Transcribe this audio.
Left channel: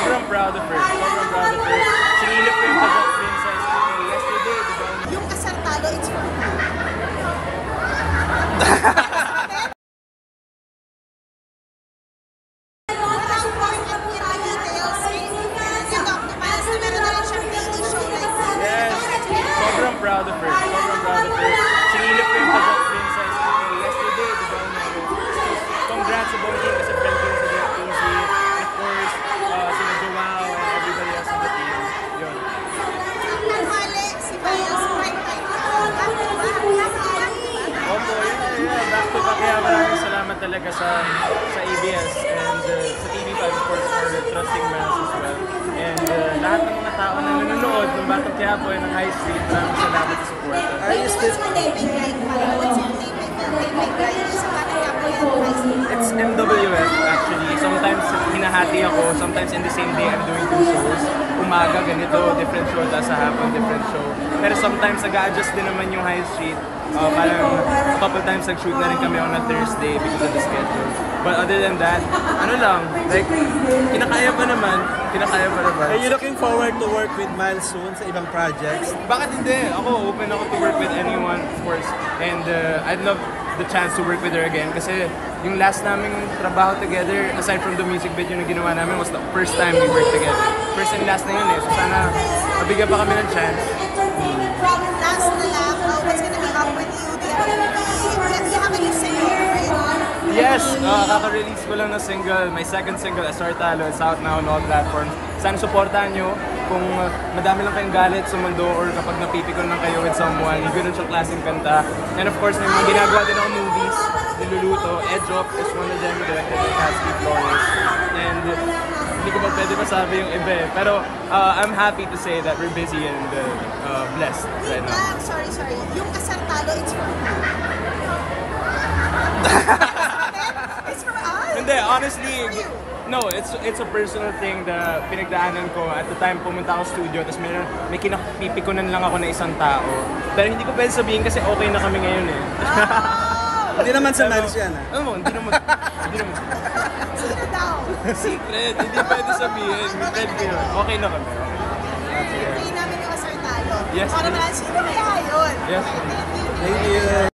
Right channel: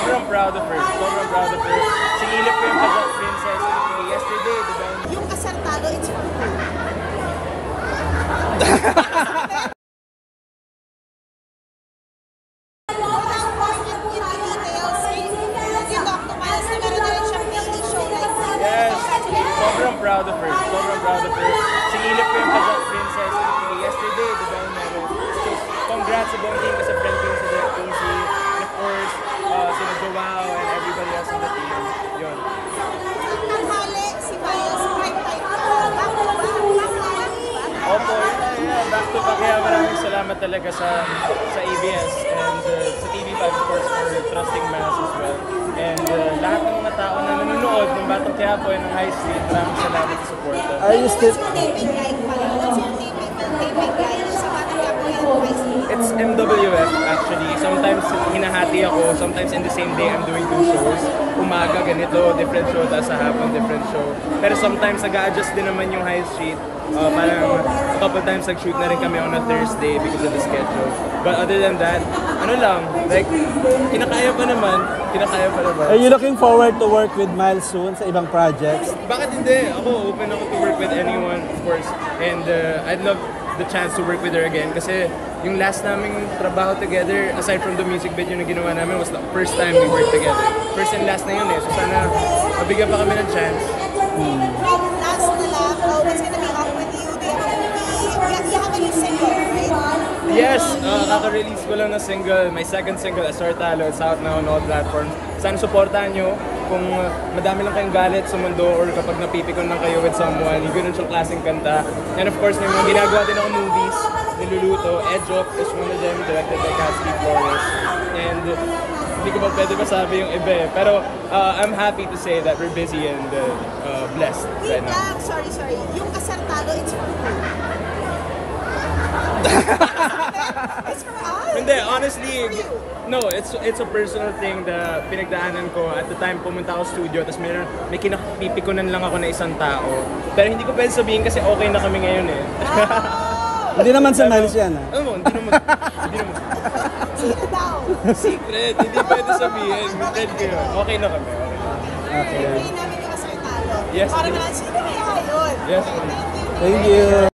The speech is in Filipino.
sobrang proud of her. Sobrang proud of her. Sinilip ko yung Pajak Princess yesterday, di ba? Yung kasal talo, it's for her. Yes, sobrang proud of her. Sobrang proud of her. Sinilip ko yung Pajak Princess yesterday, di ba? So, congrats sa buong team kasi friend ko yung si Direk Easy. And of course, sina Joao and everybody else on the team. Yun. Opo, yeah. Back to back. Kaya maraming salamat talaga sa ABS and sa TV5 of course for trusting Mas as well. And lahat ng mga tao na nanonood ng Batang Quiapo and ng High Street, maraming salamat sa suporta. Are you still... It's MWF actually. Sometimes hinahati ako, sometimes in the same day I'm doing 2 shows. Umaga ganito, different show, tapos sa hapon different show. Pero sometimes nag-a-adjust din naman yung High Street. Parang a couple times nag-shoot na rin kami on a Thursday because of the schedule. But other than that, ano lang, like, kinakaya pa naman. Are you looking forward to work with Miles soon sa ibang projects? Bakit hindi? Ako, open ako to work with anyone, of course. And I'd love the chance to work with her again kasi yung last naming trabaho together, aside from the music video na ginawa namin, was the first time we worked together. First and last na yun eh. So sana mabigyan pa kami ng chance. Yes, kaka-release ko lang na single, my second single, Asar Talo. It's out now on all platforms. Sana supportahan nyo kung madami lang kayong galit sa mundo or kapag napipikon lang kayo with someone, yung ganun siyang klaseng kanta. And of course, may mga ginagawa din ako movies, niluluto. Edge Up is one of them, directed by Cassie Flores. And hindi ko pa pwede masabi yung iba eh. Pero I'm happy to say that we're busy and blessed right now. Sorry. Yung kasal talo, it's for her. Hindi, honestly, no, it's a personal thing na pinagdaanan ko. At the time, pumunta ako studio, tapos may kinapipikunan lang ako na isang tao. Pero hindi ko pwede sabihin kasi okay na kami ngayon eh. Hindi naman sa Miles yan. Hindi naman. Sino daw? Secret, hindi pwede sabihin. Friend ko yun. Okay na kami. Pray namin yung kasal talo. Yes, Para please. na sino kaya yun? Yes, Thank you.